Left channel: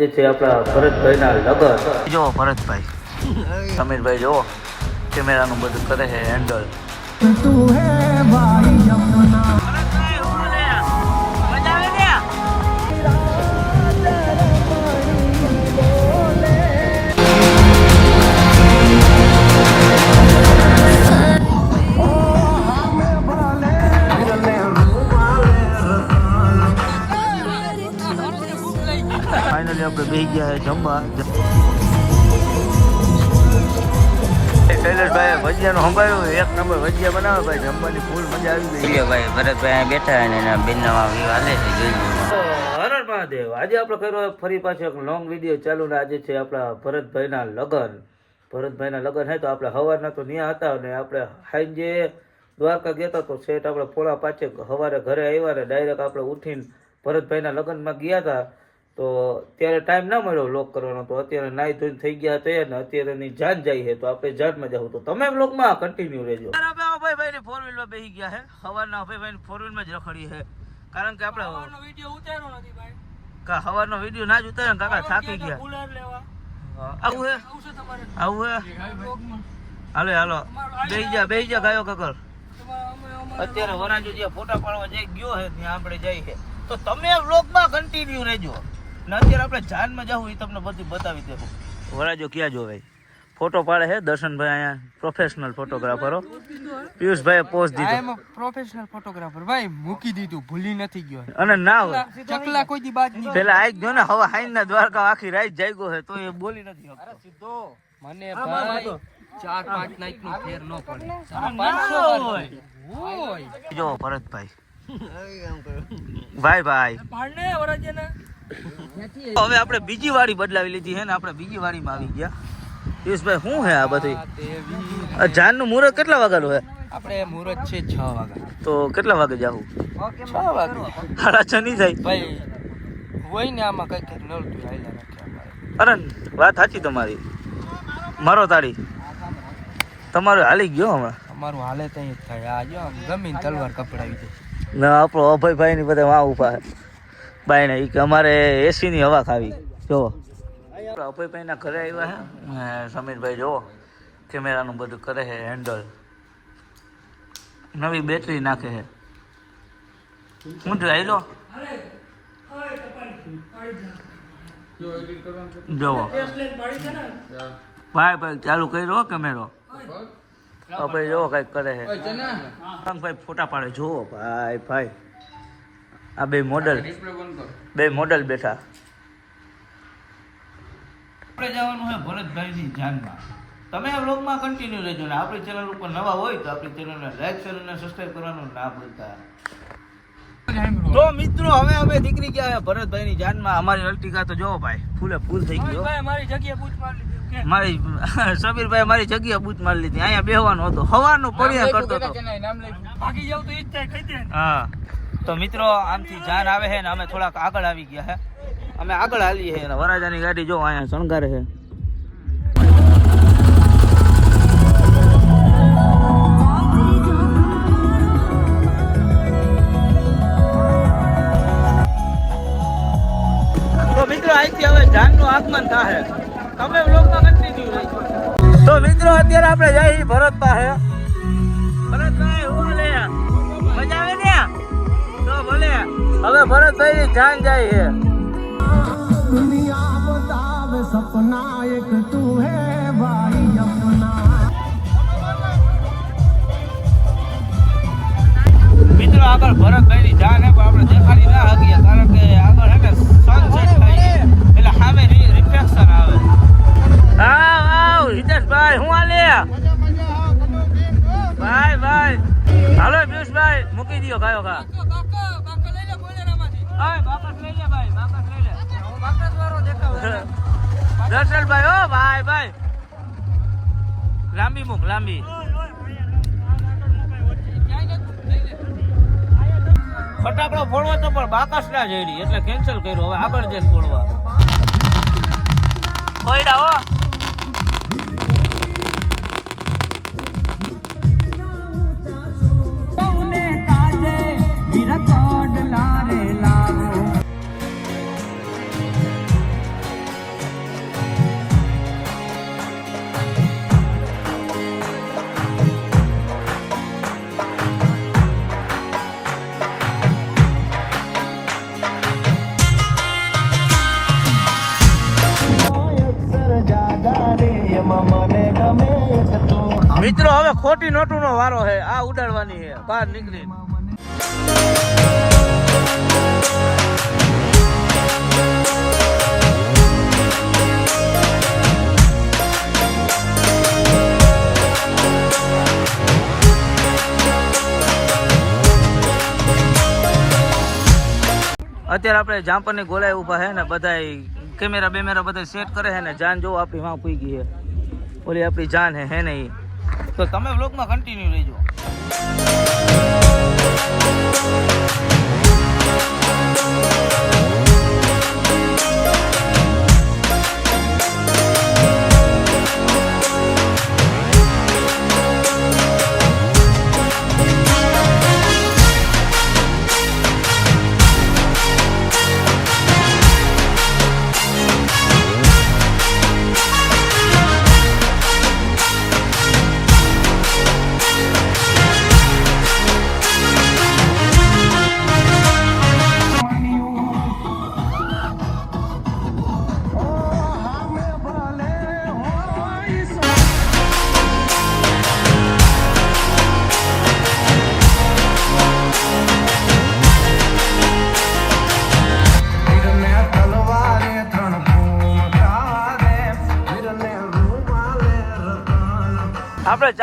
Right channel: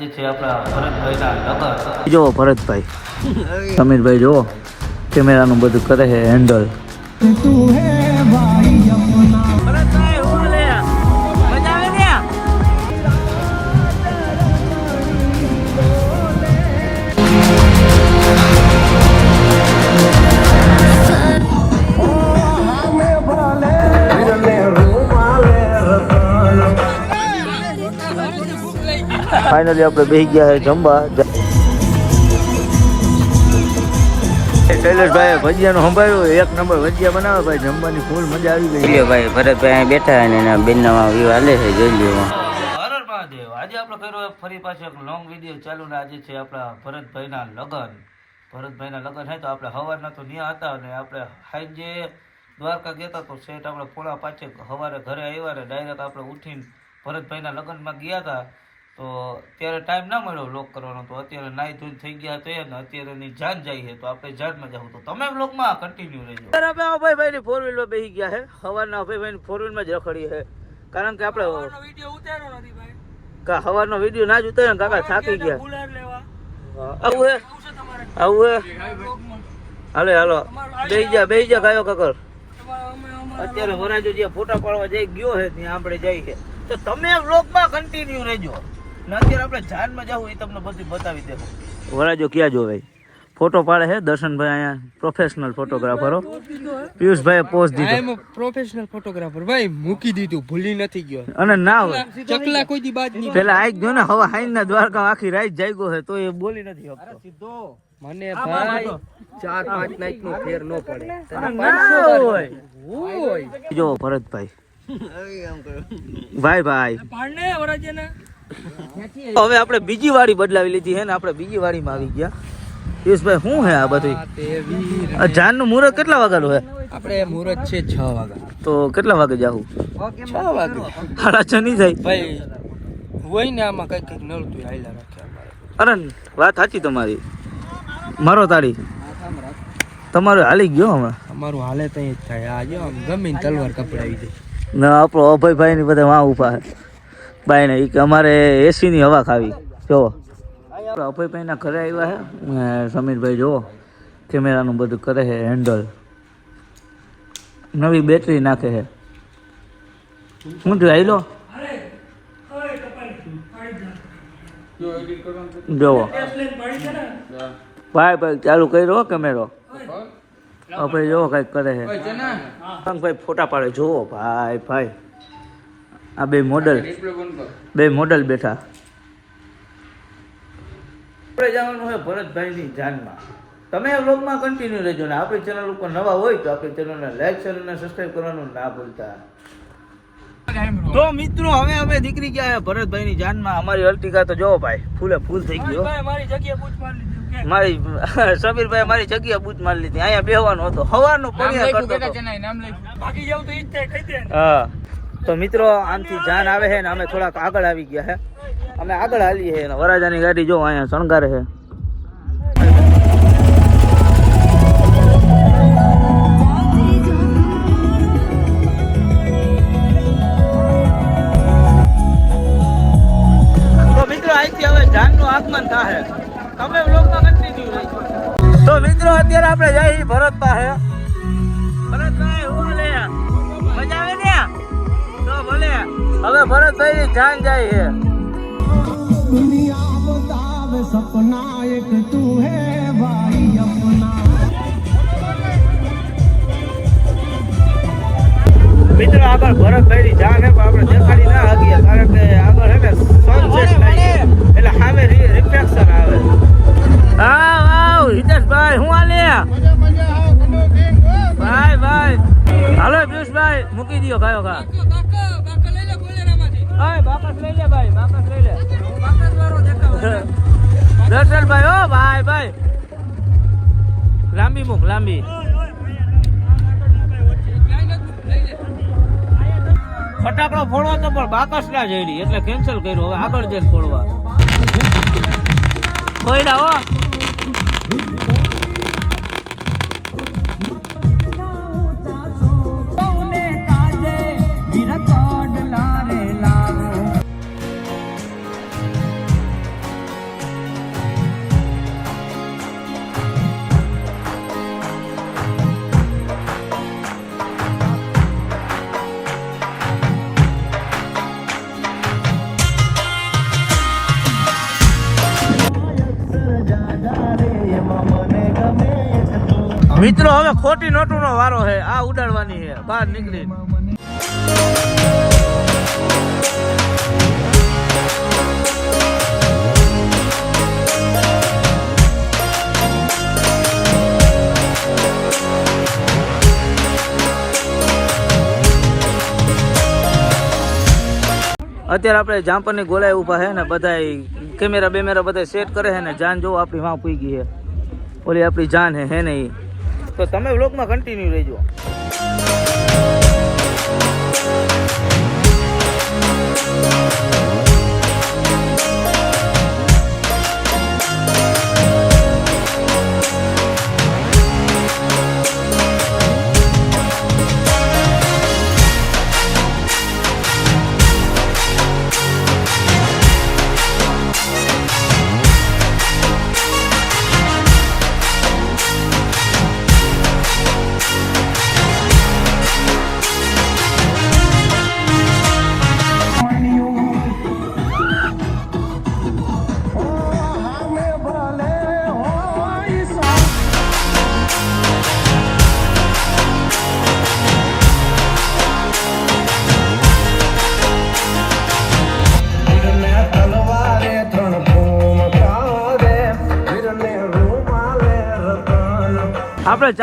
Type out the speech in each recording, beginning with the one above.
જે છે આપણા ભરતભાઈના લગન. જો ભરતભાઈ સમીરભાઈ જો કેમેરાનું બધું કરે છે હેન્ડલ ફાઇનલી આપણે બેસી ગયા છે જમવા. શૈલેષભાઈ ભજીયાનું સંભાળ્યું. એક નંબર ભજીયા બનાવે ભાઈ. જમવાની ફૂલ મજા આવી ગઈ. ભાઈ ભરતભાઈ અહીં બેઠા અને એના બેનના વ્યૂ હાલે છે જોઈ લ્યો હરણ મહાદેવ આજે આપણે કર્યો ફરી પાછો એક લોંગ વીડિયો ચાલુ ને આજે છે આપણા ભરતભાઈના લગન. ભરતભાઈના લગન હે તો આપણે સવારના તો ત્યાં હતા અને આપણે સાંજે દ્વારકા ગયા હતા તો સેટ આપણે પોળા પાછે સવારે ઘરે આવ્યા ને ડાયરેક્ટ આપણે ઉઠીને ભરતભાઈના લગનમાં ગયા હતા. તો ત્યારે ટાઈમ ના મળ્યો લોક કરવાનો. તો અત્યારે નાઈ ધોઈ થઈ ગયા તો ને અત્યારે જાન જાય છે. તો આપણે જાનમાં જવું તો તમે વ્લોગમાં કન્ટિન્યુ રહેજો. આપણે ભાઈ ભાઈ ફોર વ્હીલમાં બેસી ગયા છે. સવારના ભાઈ ભાઈ ફોર વ્હીલમાં જ રખડી છે. કારણ કે આપણે કા હવાનો વીડિયો ના જ ઉતાર્યો ને કાકા થાકી ગયા. આવું હે? આવું હે? હાલે હાલો. બે જા બેહી જા ગાયો કાકર. અત્યારે વરાજો જે ફોટા પાડવા જઈ ગયો છે ત્યાં આપણે જઈએ. છે તો તમે વ્લોગમાં કન્ટિન્યુ રહેજો. ને અત્યારે આપણે જાનમાં જવું એ તમને બધું બતાવી દે. વરાજો ક્યાં જોવે? ફોટો પાડે છે દર્શનભાઈ અહીંયા પ્રોફેશનલ ફોટોગ્રાફરો પિયુષભાઈ પોસ્ટ દીધો. પ્રોફેશનલ ફોટોગ્રાફર ભાઈ મૂકી દીધું ભૂલી નથી ગયો. અને ના હોય. ચકલા કોઈ દી બાદ નહીં પેલા આઈ ગયો ને હવે હાઈ ના દ્વારકા આખી રાત જાગ્યો છે તો એ બોલી નથી શકતો. મને ભાઈ ચાર પાંચ નાઈટ નો ફેર નો પડે. ના હોય. જો ભરતભાઈ. ભાઈ ભાઈ. હવે આપણે બીજી વાડી બદલાવી લીધી છે ને આપણે બીજી વાડીમાં આવી ગયા. પિયુષભાઈ શું હે આ બધી? દેવી આ જાનનું મુહૂર્ત કેટલા વાગ્યાનું હે? આપણે મુહૂર્ત છે છ વાગ્યા તો કેટલા વાગે જાવું? છ વાગે. સાડા છ નહીં થાય. ભાઈ હોય ને આમાં કઈ કંઈક નળતું હાલ્યા રાખે અરે વાત સાચી તમારી. મારો તાળી. તમારો હાલી ગયો હમણાં? અમારું હાલે ત્યાં જ થાય. આ જો ગમે ને તલવાર કપડાવી દે ના આપણો અભયભાઈ ની બધા વાં ઊભા બાઈ ને કે અમારે એસી ની હવા ખાવી. જો અભયભાઈ ના ઘરે આવ્યા છે સમીરભાઈ જુઓ. કેમેરાનું બધું કરે છે હેન્ડલ નવી બેટરી નાખે છે શું થયું આવી લો જોવો ભાઈ ભાઈ ચાલુ કર્યો કેમેરો. ભાઈ જોવો કંઈક કરે છે ભાઈ ફોટા પાડે. જોવો ભાઈ ભાઈ. આ બે મોડલ. બે મોડલ બેઠા. આપણે જવાનું હોય ભરતભાઈની જાનમાં. તમે આ વ્લોગમાં કન્ટિન્યુ રહેજો ને. આપણી ચેનલ ઉપર નવા હોય તો આપણી ચેનલને લાઈક શેર અને સબસ્ક્રાઇબ કરવાનું ના ભૂલતા. તો મિત્રો હવે અમે નીકળી ગયા છે ભરતભાઈની જાનમાં. અમારી અર્ટિકા તો જોવો ભાઈ ફૂલે ફૂલ થઈ ગયો મારી જગ્યા પૂછ મારી લીધું મારી સમીરભાઈ મારી જગ્યા બૂચ મારી લીધી. અહીંયા બેહવાનો હતો. હવાનો પડિયા કરતો હતો. ભાગી જાવ તો ઈ જ થાય હા. તો મિત્રો, આમથી જાન આવે છે ને અમે થોડાક આગળ આવી ગયા છે. અમે આગળ હાલીએ છીએ વરાજાની ગાડી જો અહીંયા શણગારે છે. થાય. તમે વ્લોગમાં કન્ટિન્યુ તો મિત્રો, અત્યારે આપણે જઈએ ભરત પાસે હવે ભરતભાઈ જાન જાય છે. દુનિયા બતાવે સપના એક તું હે ભાઈ અપના મિત્રો આગળ ભરતભાઈ ની જાન હે પણ આપણે દેખાડી ના હતી કારણ કે આગળ હે ને સનસેટ થાય એટલે સામે રિફ્લેક્શન આવે હા વાવ હિતેશભાઈ હું આલે ભાઈ ભાઈ. હાલો પિયુષભાઈ મૂકી દો ગાયો ગા. હા લઈ લે ભાઈ બાકસ લઈ લે. દર્શનભાઈ ઓ ભાઈ ભાઈ. લાંબી મૂક લાંબી. ફટાકડો ફોડવા તો પણ બાકસ ના જઈ એટલે કેન્સલ કર્યું. હવે આગળ જઈને ફોડવા. કોઈ ના હો. નીકળી. અત્યારે આપણે જામપરની ગોલાઈ ઊભા છે ને બધા કેમેરા બેમેરા બધા સેટ કરે છે ને, જાન જો આપણી વાં પૂઈ ગઈ ઓલી આપણી જાન હે હે નહીં. તો તમે વ્લોગમાં કન્ટિન્યુ રહેજો. Thank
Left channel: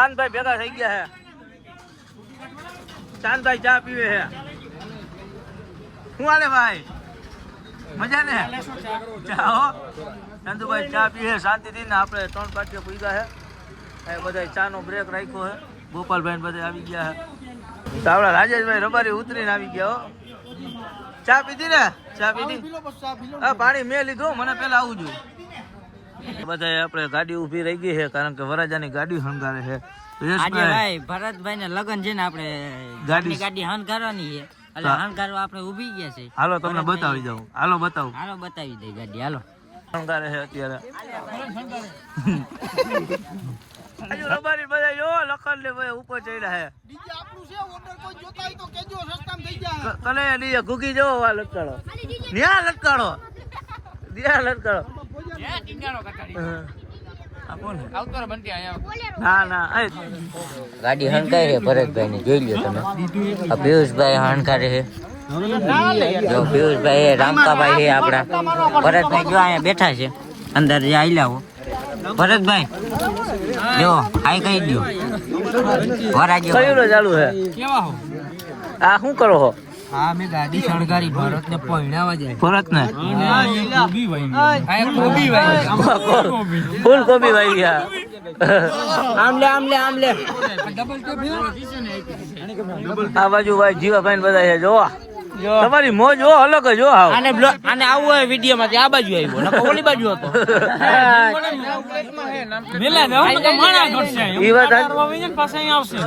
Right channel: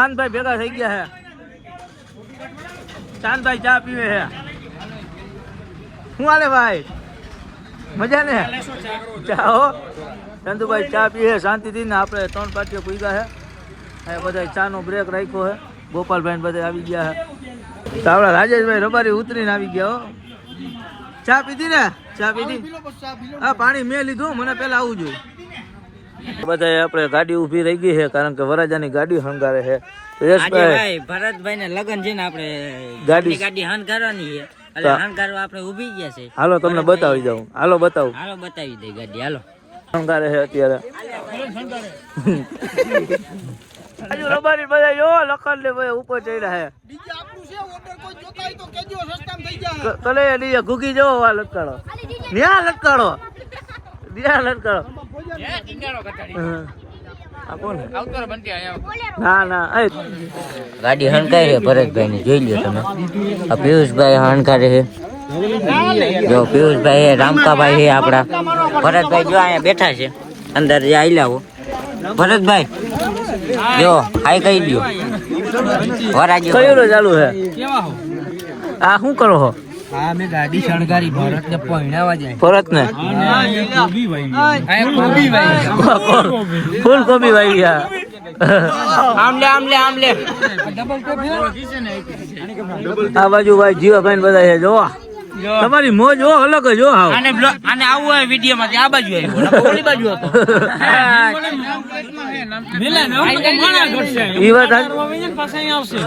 ચાંદભાઈ ભેગા થઈ ગયા છે ચાંદભાઈ ચા પીવે છે શું હાલે ભાઈ? મજા ને? ચા હો. ચંદુભાઈ ચા પીએ શાંતિથી ને આપણે ત્રણ પાટીઓ પી હે. એ બધા ચાનો બ્રેક રાખ્યો છે ગોપાલભાઈ બધા આવી ગયા છે તો આપણા રાજેશભાઈ રબારી ઉતરીને આવી ગયા હો. ચા પીધી ને? ચા પીધી? હા, પાણી મેં લીધું, મને પેલા આવું જોઈએ બધા આપણે ગાડી ઊભી રહી ગઈ છે કારણ કે વરાજાની ગાડી હંગારે છે. યશભાઈ ભાઈ ભરતભાઈ ને લગન છે ને આપણે ગાડી- ગાડી હંગારવાની છે. એટલે આપણે ઊભી ગયા છે. હાલો તમને બતાવી દઉં. હાલો બતાવું. હાલો બતાવી દઈ ગાડી હાલો. હંગારે છે અત્યારે. આજુ રબારી બધા જો લખન ને ભાઈ ઉપર ચડ્યા છે. કલે ડીજે ઘૂગી જો આ લટકાળો ન્યા લટકાડો. ન્યા છે? ના ના ગાડી હણકારી છે ભરતભાઈ ને જોઈ લો તમે. આ પિયુષભાઈ હણકારે છે. જો પિયુષભાઈ રામકાભાઈ છે આપડા ભરતભાઈ જો અહીંયા બેઠા છે. અંદર જે આવી લાવો ભરતભાઈ જો હાઈ કહી દો વરાજો. કયું ચાલુ છે? આ શું કરો છો હા મેં ગાડી શણગારી ભરત ને પહેણાવા જાય ભરત ને કોબી ભાઈ કોબી ભાઈ ફૂલ કોબી? વાઈ ગયા આમલે આમલે આમલે ડબલ ટેપ આ બાજુ ભાઈ જીવાભાઈ બધા છે જો તમારી મોજ જો અલગ જ જો આવ. આને બ્લોક આને આવું હોય વિડિયો માંથી આ બાજુ આવ્યો નકર ઓલી બાજુ હતો. મેલા નો આમ તો મણા ઘટશે. ઈ વાત પાછા અહીં આવશે.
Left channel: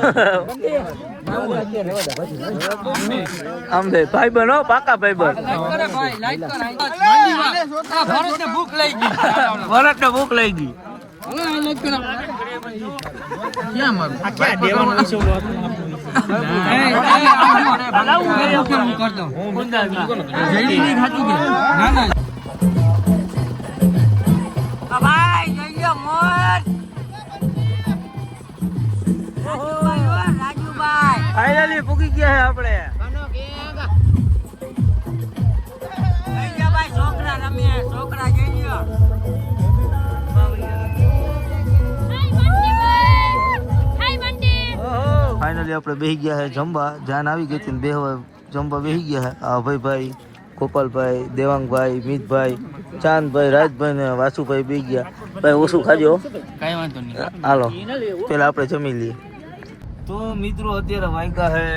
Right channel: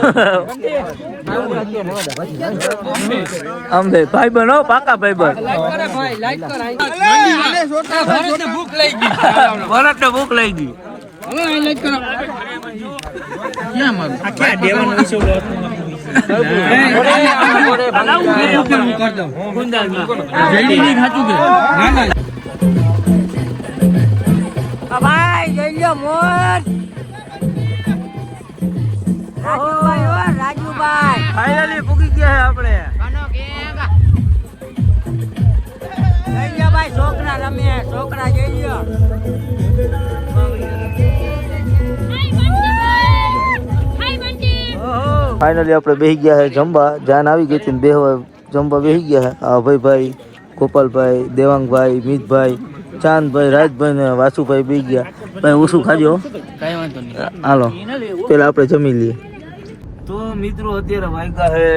અંબે ભાઈ બનો પાકા ભાઈ બન લાઈક કર આ ભરત ને ભૂખ લઈ ગઈ. ભરત ને ભૂખ લઈ ગઈ. એ લાઈક કરો. કેમ આ ક્યાં દેવાનું વિશે જઈ લ્યો મોર રાજુભાઈ હો રાજુભાઈ ફાઇનલી ભૂકી ગયા આપણે જઈ લો ભાઈ છોકરા રમે છોકરા જઈ લો ફાઇનલી આપણે બેસી ગયા છે જમવા જાન આવી ગઈ હતી ને બેહવા. જમવા બેસી ગયા છે અભયભાઈ ગોપાલભાઈ દેવાંગભાઈ મિતભાઈ ચાંદભાઈ રાજભાઈ ને વાસુભાઈ બેસી ગયા. ભાઈ ઓછું ખાજો કઈ વાંધો નહીં. હાલો. પેલા આપણે જમી લઈએ. તો મિત્રો અત્યારે વાગ્યા છે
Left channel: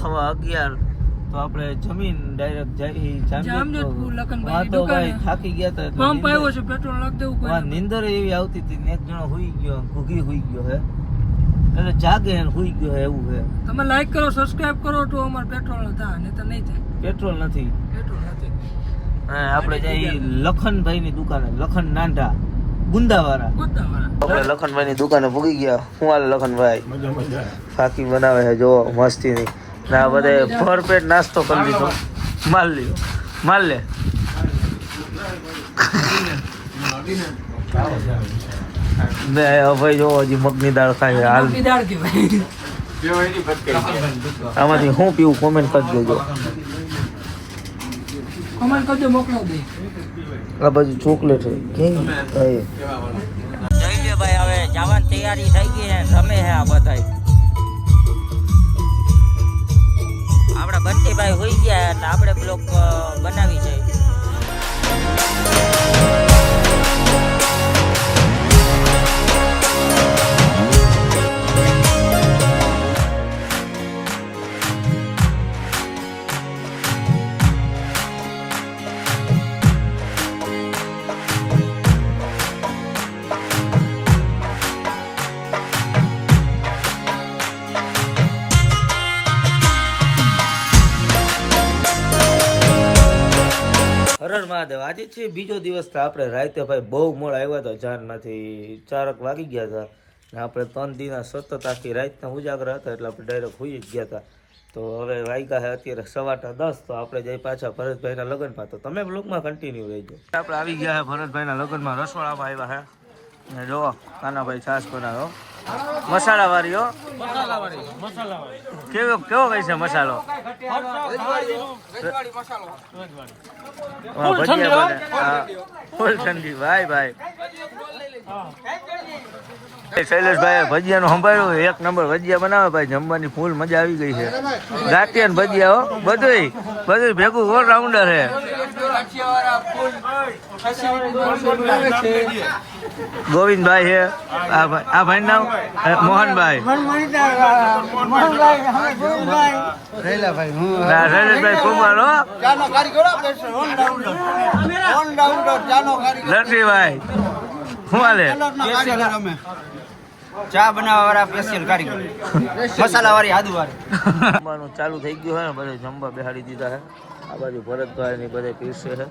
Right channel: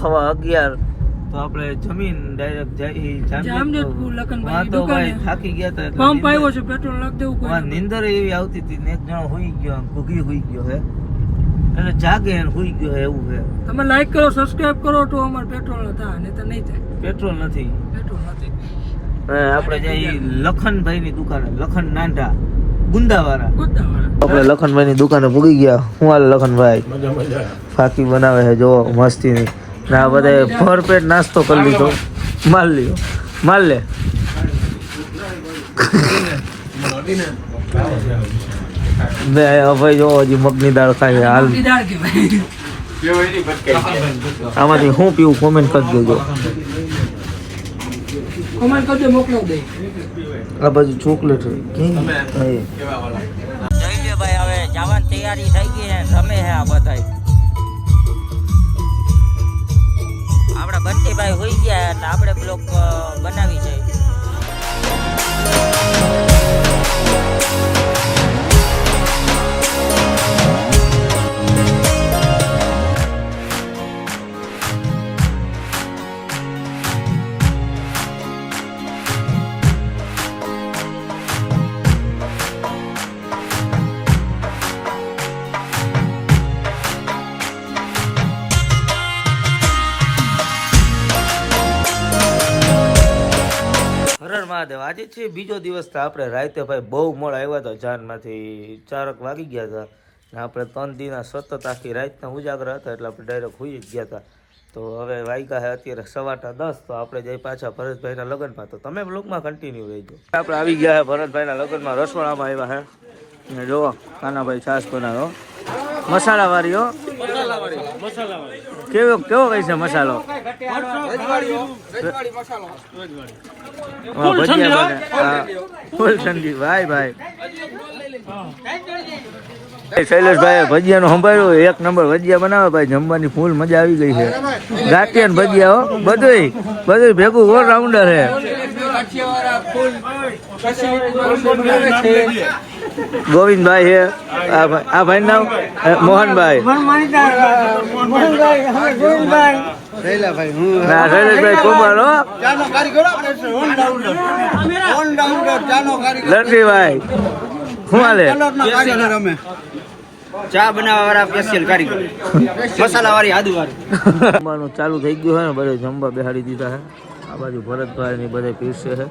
હવા અગિયાર. તો આપણે જમીન ડાયરેક્ટ જાય જામજોધપુર લખનભાઈની દુકાને. થાકી ગયા હતા પંપ આવ્યો છે પેટ્રોલ નાખ દેવું કોઈ નિંદર એવી આવતી હતી ને એક જણો હોઈ ગયો ભૂગી હોઈ ગયો હે. એટલે જાગે હોઈ ગયો હે એવું છે તમે લાઈક કરો સબસ્ક્રાઇબ કરો તો અમારે પેટ્રોલ થાય નહીં તો નહીં થાય. પેટ્રોલ નથી. પેટ્રોલ નથી આપણે જઈ લખનભાઈ ની દુકાને લખન નાંડા ગુંદાવાળા. આપણે લખનભાઈ ની દુકાને ભૂગી ગયા. હું હાલ લખનભાઈ? ફાકી બનાવે છે જો મસ્તી ની ને આ બધા ભરપેટ નાસ્તો કરી લીધો. માલ લ્યો. માલ લે. બે ભાઈ જો હજી મગની દાળ ખાય છે. હાલ. આમાંથી હું પીવું કોમેન્ટ કરી દેજો. મોકલો દે. આ બાજુ ચોકલેટ છે. જોઈ લે ભાઈ હવે જવાની તૈયારી થઈ ગઈ છે. હે આ બધા આપણા બંટીભાઈ હોઈ ગયા એટલે આપણે બ્લોક બનાવી છે. હરર મહાદેવ આજે છે બીજો દિવસ તો આપણે રાતે ભાઈ બહુ મોડા આવ્યા હતા. જાનમાંથી ચારક વાગી ગયા હતા. ને આપણે ત્રણ દિના સતત આખી રાતના ઉજાગરા હતા એટલે આપણે ડાયરેક્ટ હોઈ જ ગયા હતા. તો હવે વાગ્યા છે અત્યારે સવારના દસ, તો આપણે જઈ પાછા ભરતભાઈના લગ્નમાં. તો તમે બ્લોગમાં કન્ટિન્યુ રહીજો. આપણે આવી ગયા છે ભરતભાઈના લગ્નમાં રસવાડામાં આવ્યા છે ને જો કાનાભાઈ છાસ બનાવ્યો. મસાલા વાળી હો. કેવો કેવો કઈ છે મસાલો? ફૂલ ઠંડી. ભાઈ ભાઈ. શૈલેષભાઈ ભજીયાનું સંભાળ્યું એક નંબર ભજીયા બનાવે ભાઈ જમવાની ફૂલ મજા આવી ગઈ છે. ગાંઠિયા ને ભજીયા હો બધુંય બધું ભેગું ઓલ રાઉન્ડર છે. ગોવિંદભાઈ છે આ ભાઈ નામ મોહનભાઈ. ના શૈલેષભાઈ કુમાર હો. શું હાલે ચા બનાવવા વાળા સ્પેશિયલ કારીગર મસાલા વાળી આદુ વાળી જમવાનું ચાલુ થઈ ગયું છે ને બધે જમવા બેહાડી દીધા હે. આ બાજુ ભરતભાઈ ને બધે પીરસે છે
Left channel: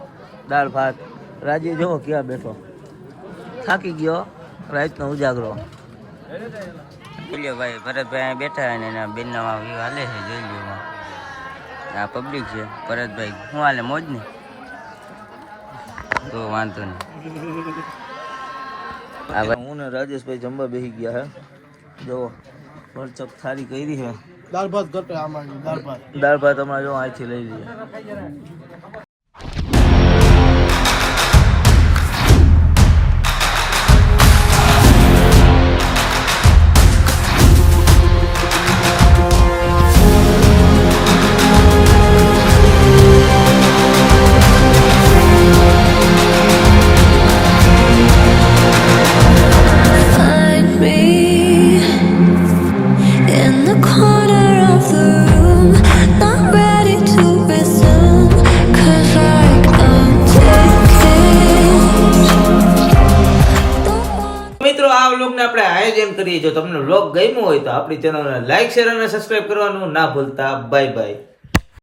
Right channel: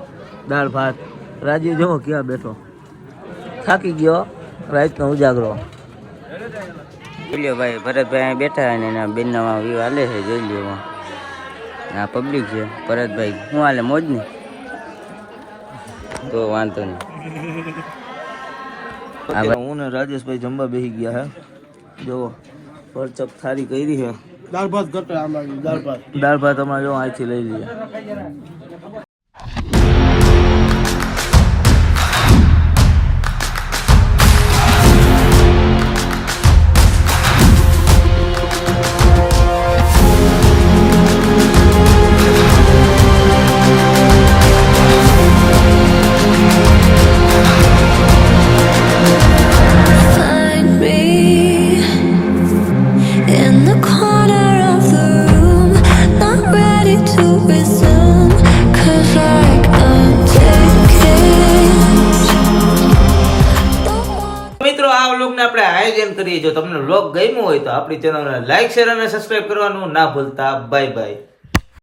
દાળ ભાત. રાજીવ જમો ક્યાં બેઠો? થાકી ગયો રાતનો ઉજાગરો. જોઈ ભાઈ ભરતભાઈ અહીં બેઠા અને એના બેનના વ્યૂ હાલે છે જોઈ લ્યો આ પબ્લિક છે ભરતભાઈ. શું હાલે મોજ ને તો વાંધો નહીં. હું ને રાજેશભાઈ જમવા બેસી ગયા હે. જો પરચક થારી કરી છે દાળ ભાત ઘટે આમાં દાળ ભાત. દાળ ભાત અમારે જો અહીંથી લઈ લઈએ. જો તમને વ્લોગ ગમ્યો હોય તો આપણી ચેનલને લાઈક શેર અને સબસ્ક્રાઇબ કરવાનું ના ભૂલતા. Bye bye